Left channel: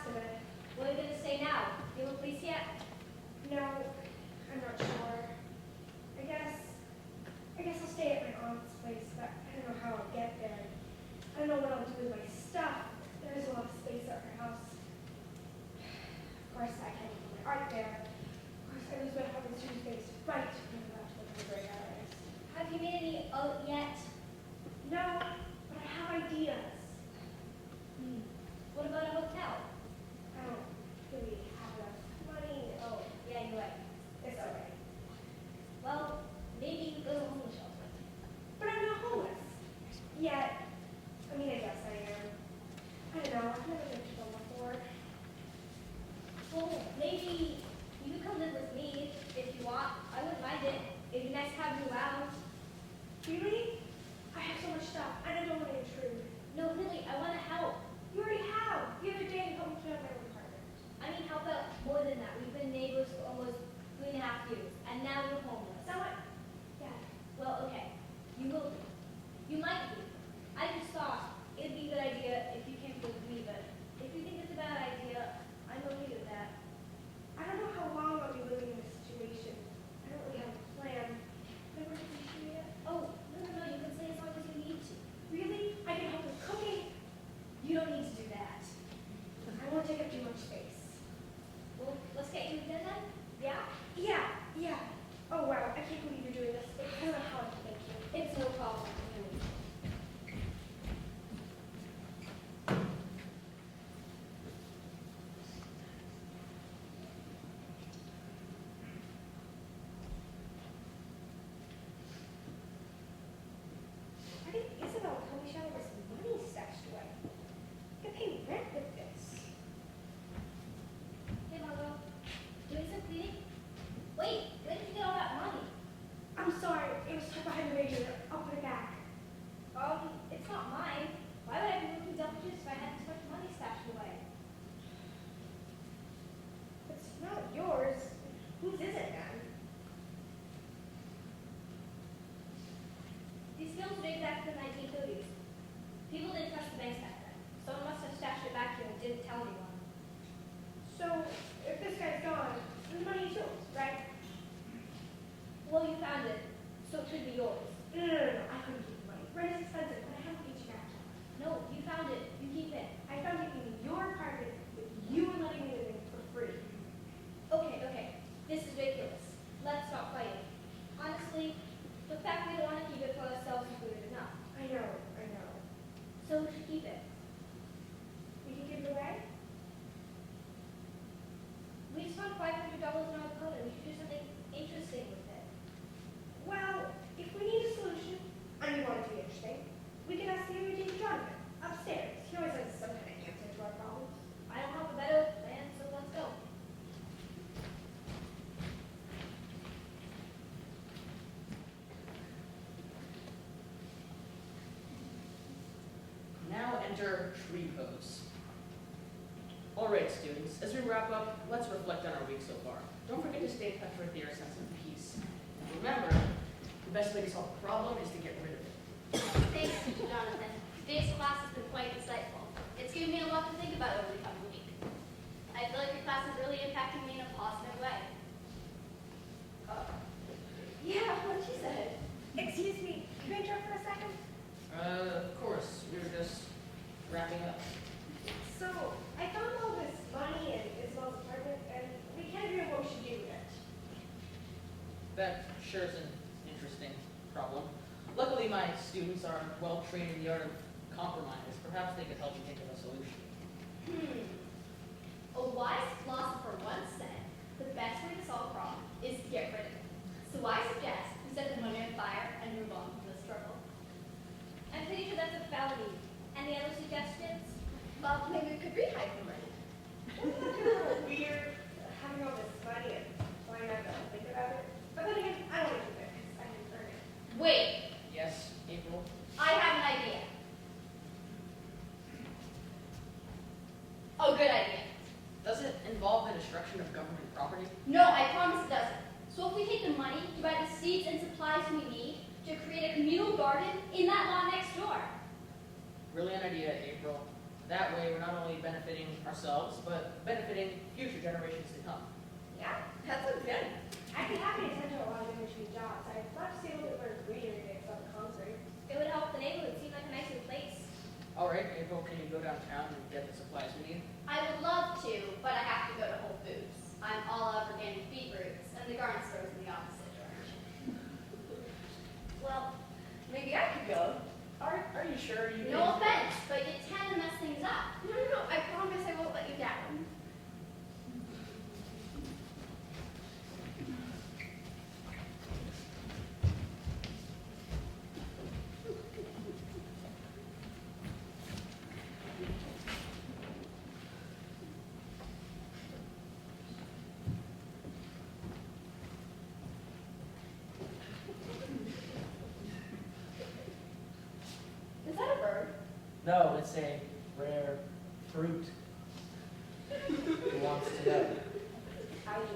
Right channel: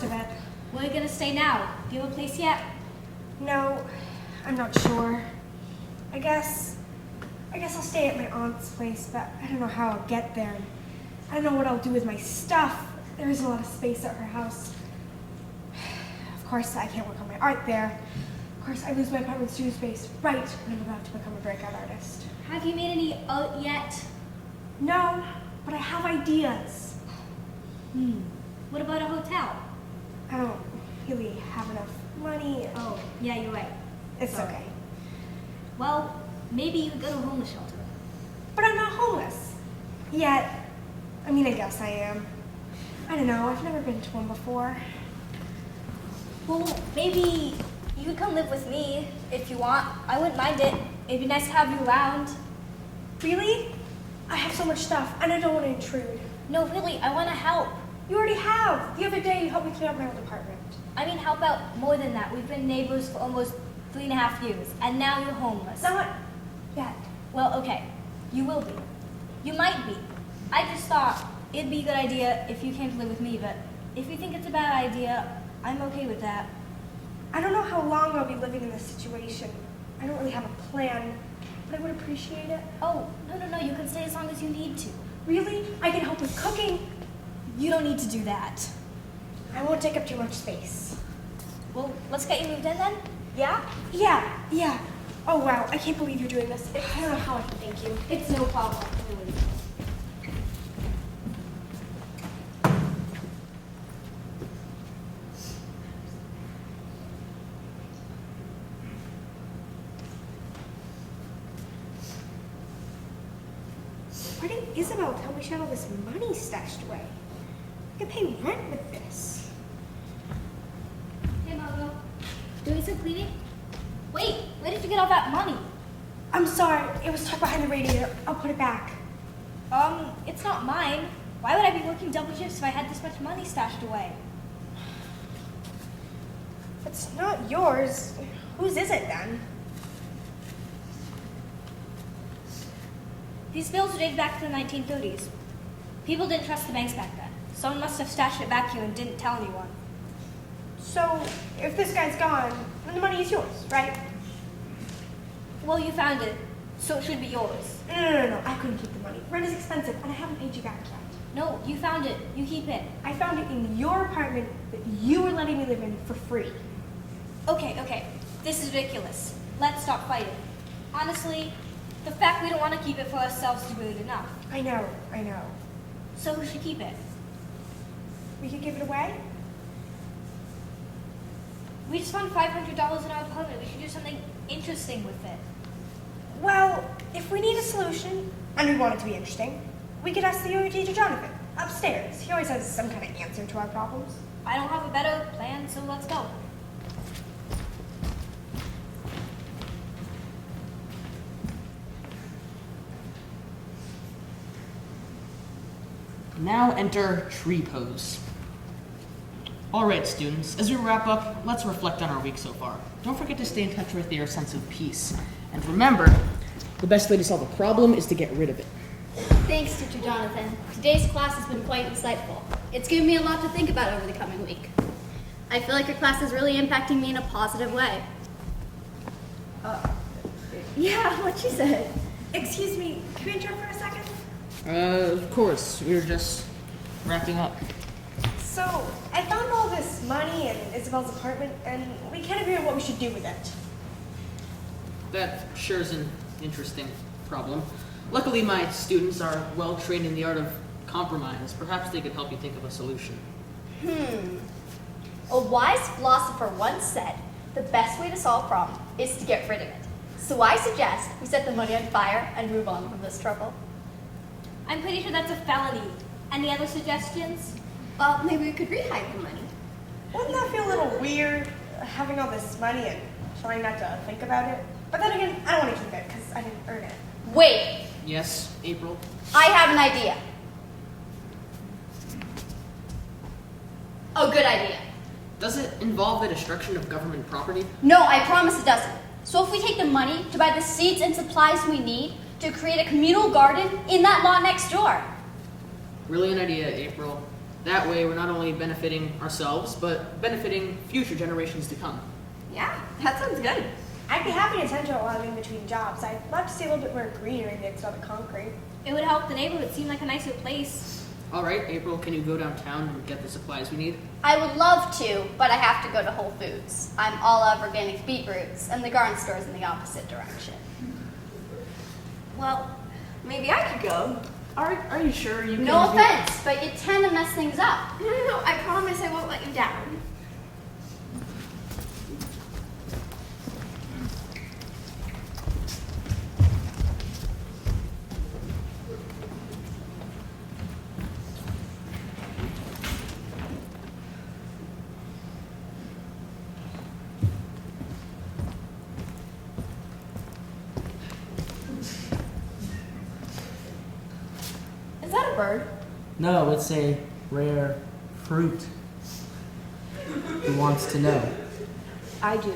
most of it. Where are you gonna stay now? Do you have a place yet? No, I'm not sure. I guess I'll stay at my aunt's place, but I don't know how I'll get there. I don't know what I'll do with my stuff. There isn't a lot of space at her house. Of course, I can't work on my art there. Of course, I lose my apartment studio space right when I'm about to become a breakout artist. Have you made any art yet? No, but I have ideas. What about a hotel? I don't really have enough money. Oh, yeah, you're right. It's Sorry. okay. Well, maybe you could go to a homeless shelter. But I'm not homeless. Yet. I mean, I guess I am. I don't know, I've never been to one before. Well, maybe you could come live with me if you want. I wouldn't mind it. It'd be nice to have you around. Really? I have so much stuff, and I don't want to intrude. No, really, I want to help. You already have. The other day, you helped me clean up my old apartment. I mean, help out more than that. We've been neighbors for almost 3.5 years, and now you're homeless. Not yet. Well, okay, you will be. You might be. I just thought it'd be a good idea if you came to live with me, but if you think it's a bad idea, I'm okay with that. I don't know how long I'll be living in this situation. I don't really have a plan, but I would appreciate it. Oh, no, you can stay as long as you need to. Really? I can help with cooking. You don't need to do that. I won't take up too much space. Well, let's get you moved in then? Yeah? Yeah. Oh, wow, I can't believe you're doing this. I don't know how I can thank you. It's no problem, really. Why didn't Isabel tell me she had all this money stashed away? I could pay rent with this. Hey, Margot. Doing some cleaning? Wait, where did you get all that money? I'm sorry, it was tucked behind the radiator. I'll put it back. It's not mine. Why would I be working double shifts if I had this much money stashed away? It's not yours. Whose is it then? These bills are dated back to the 1930s. People didn't trust the banks back then. Someone must have stashed it back here and didn't tell anyone. So, if this guy's gone, then the money is yours, right? Well, you found it, so it should be yours. No. I couldn't keep the money. Rent is expensive, and I haven't paid you back yet. No, you found it. You keep it. I found it in your apartment that you were letting me live in for free. Okay. This is ridiculous. Let's stop fighting. Honestly, the fact we don't want to keep it for ourselves is rude enough. I know. So who should keep it? We could give it away? We just found $500 in our apartment. We should do something interesting with it. Well, if we need a solution, and we want it to be interesting, we could ask the yoga teacher Jonathan, upstairs. He always has some kind of answer to our problems. I don't have a better plan, so let's go. Now enter tree pose. All right, students, as we wrap up, let's reflect on our week so far. Don't forget to stay in touch with your sense of peace. And remember, the best way to solve a problem is to get rid of it. Thanks, Teacher Jonathan. Today's class has been quite insightful. It's given me a lot to think about over the coming week. I feel like your class is really impacting me in a positive way. Yeah, what she said. Excuse me, can we interrupt for a second? Of course, we were just wrapping up. So, I found all this money in Isabel's apartment, and we can't agree on what we should do with it. That sure is an interesting problem. Luckily, my students are well trained in the art of compromise. Perhaps they could help you think of a solution. A wise philosopher once said, the best way to solve a problem is to get rid of it. So I suggest we set the money on fire and move on from this trouble. I'm pretty sure that's a felony. Any other suggestions? Well, maybe we could rehire the money. Wouldn't that feel a little weird, having all this money and trying not to think about it? But then again, I don't want to keep it because I didn't earn it. Wait, Yes, April? I have an idea. A good idea. Does it involve the destruction of government property? No, I promise it doesn't. So if we take the money to buy the seeds and supplies we need to create a communal garden in that lot next door. Brilliant idea, April. That way, we're not only benefiting ourselves, but benefiting future generations to come. Yeah, that sounds good. I'd be happy to tend to a lot of in-between jobs. I'd love to see a little bit more greenery mixed on the concrete. It would help the neighborhood seem like a nicer place. All right, April, can you go downtown and get the supplies we need? I would love to, but I have to go to Whole Foods. I'm all out of organic beetroots, and the garden store's in the opposite direction. Well, maybe I could go. Are you sure you can? No offense, but you tend to mess things up. No, I promise I won't let you down. Is that a bird? No, it's a rare fruit. Who wants to know? I do.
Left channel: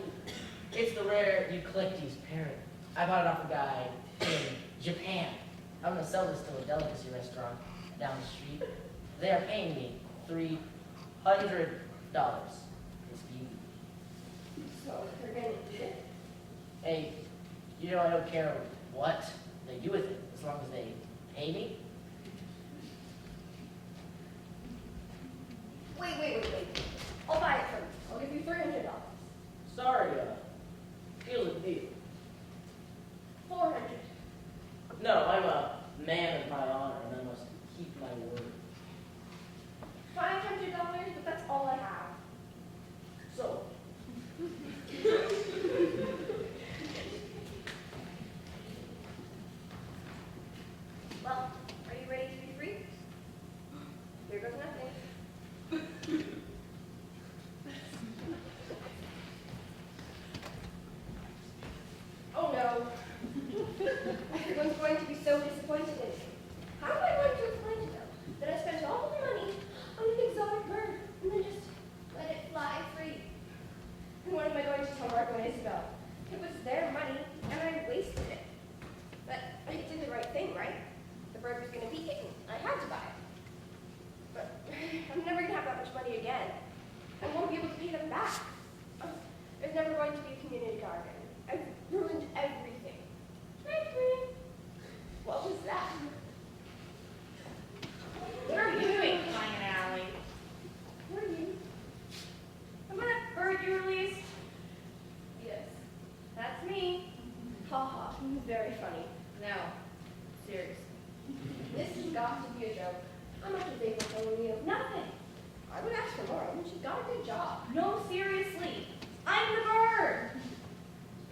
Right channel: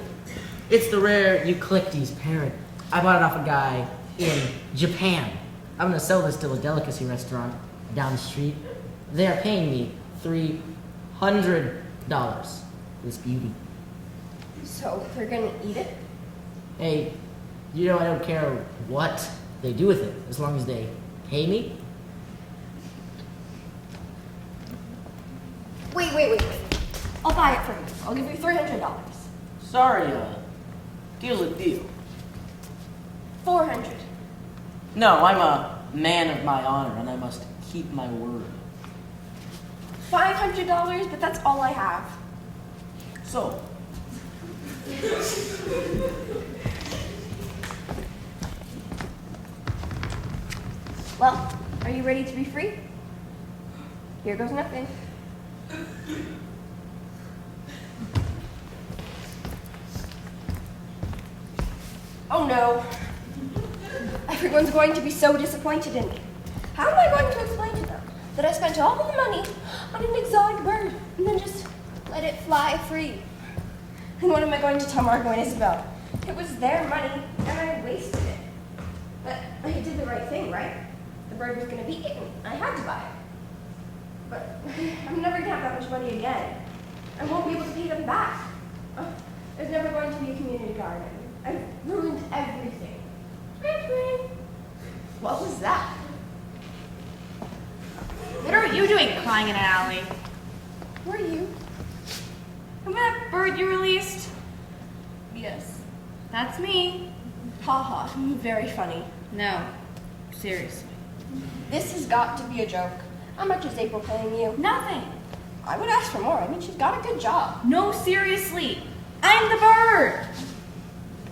It's the rare Eucalyptus parrot. I bought it off a guy in Japan. I'm gonna sell this to a delicacy restaurant down the street. They are paying me $300 for this beauty. So they're gonna eat it? Hey, you know I don't care what they do with it, as long as they pay me. Wait. I'll buy it for you. I'll give you $300. Sorry, deal's a deal. 400. No, I'm a man of my honor, and I must keep my word. $500, but that's all I have. So, Well, are you ready to be free? Here goes nothing. Oh no. Everyone's going to be so disappointed in me. How am I going to explain to them that I spent all the money on an exotic bird and then just let it fly free? And what am I going to tell Margot and Isabel? It was their money and I wasted it. But I did the right thing, right? The bird was going to be eaten. I had to buy it. But I'm never going to have that much money again. I won't be able to pay them back. There's never going to be a community garden. I've ruined everything. What was that? What are you doing crying in an alley? Who are you? Remember that bird you released? Yes. That's me. Haha, very funny. No, seriously. This has got to be a joke. How much is April paying you? Nothing. I would ask for more. I mean, she's got a good job. No, seriously. I'm the bird.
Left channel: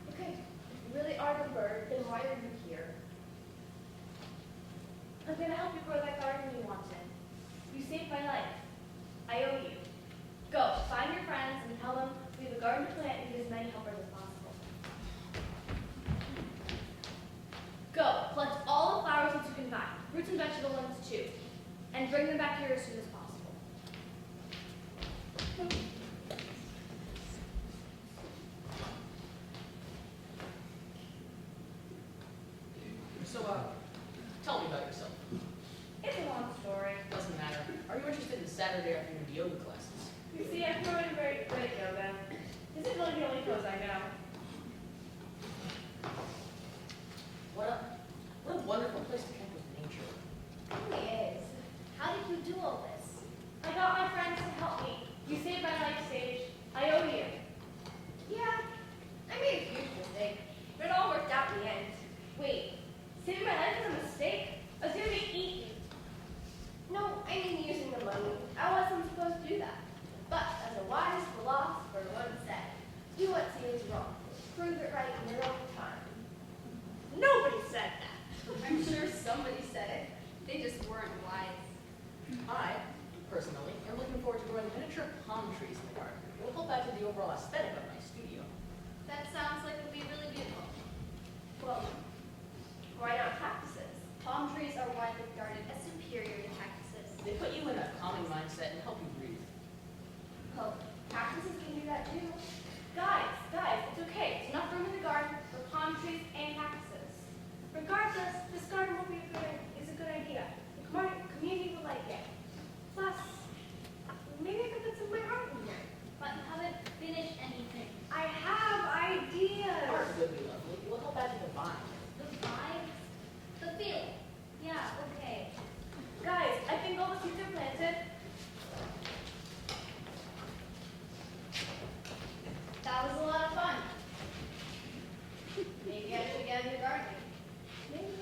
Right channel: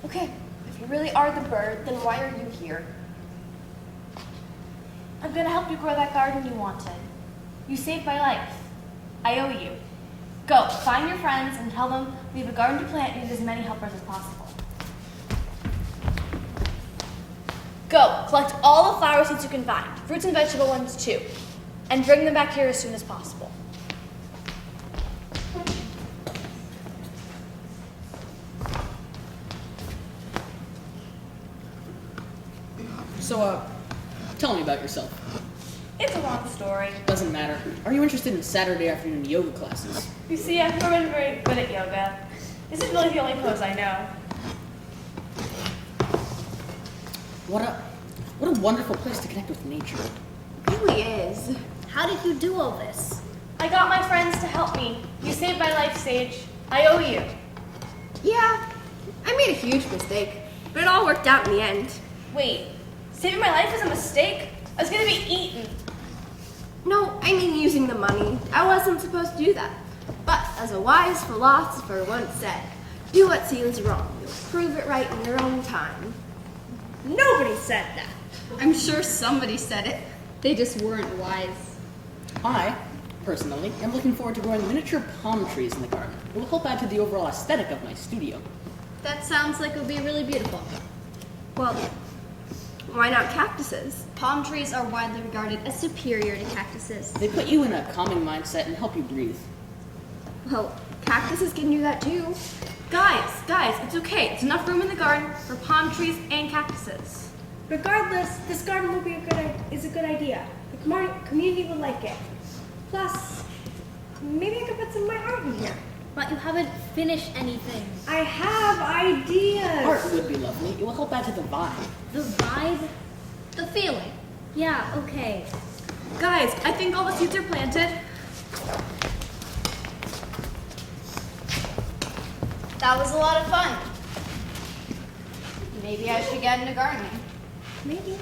Okay, if you really are the bird, then why are you here? I'm gonna help you grow that garden you wanted. You saved my life. I owe you. Go, find your friends and tell them we have a garden to plant and need as many helpers as possible. Go, collect all the flower seeds you can find, fruits and vegetable ones too, and bring them back here as soon as possible. So, tell me about yourself. It's a long story. Doesn't matter. Are you interested in Saturday afternoon yoga classes? You see, I've never been very good at yoga. This is really the only pose I know. What a wonderful place to connect with nature. It really is. How did you do all this? I got my friends to help me. You saved my life, Sage. I owe you. Yeah, I made a huge mistake, but it all worked out in the end. Wait, saving my life was a mistake? I was gonna be eaten. No, I mean using the money. I wasn't supposed to do that. But as a wise philosopher once said, do what seems wrong. You'll prove it right in your own time. Nobody said that. I'm sure somebody said it. They just weren't wise. I, personally, am looking forward to growing miniature palm trees in the garden. It will help add to the overall aesthetic of my studio. That sounds like it would be really beautiful. Well, why not cactuses? Palm trees are widely regarded as superior to cactuses. They put you in a calming mindset and help you breathe. Well, cactuses can do that too. Guys, it's okay. There's enough room in the garden for palm trees and cactuses. Regardless, this garden will be is a good idea. The community will like it. Plus, maybe I could put some of my art in here. But you haven't finished anything. I have ideas. Art would be lovely. It will help add to the vibe. The vibe? The feeling. Yeah, okay. Guys, I think all the seeds are planted. That was a lot of fun. Maybe I should get into gardening. Maybe.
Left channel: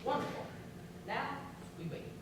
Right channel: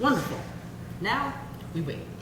Wonderful. Now, we wait.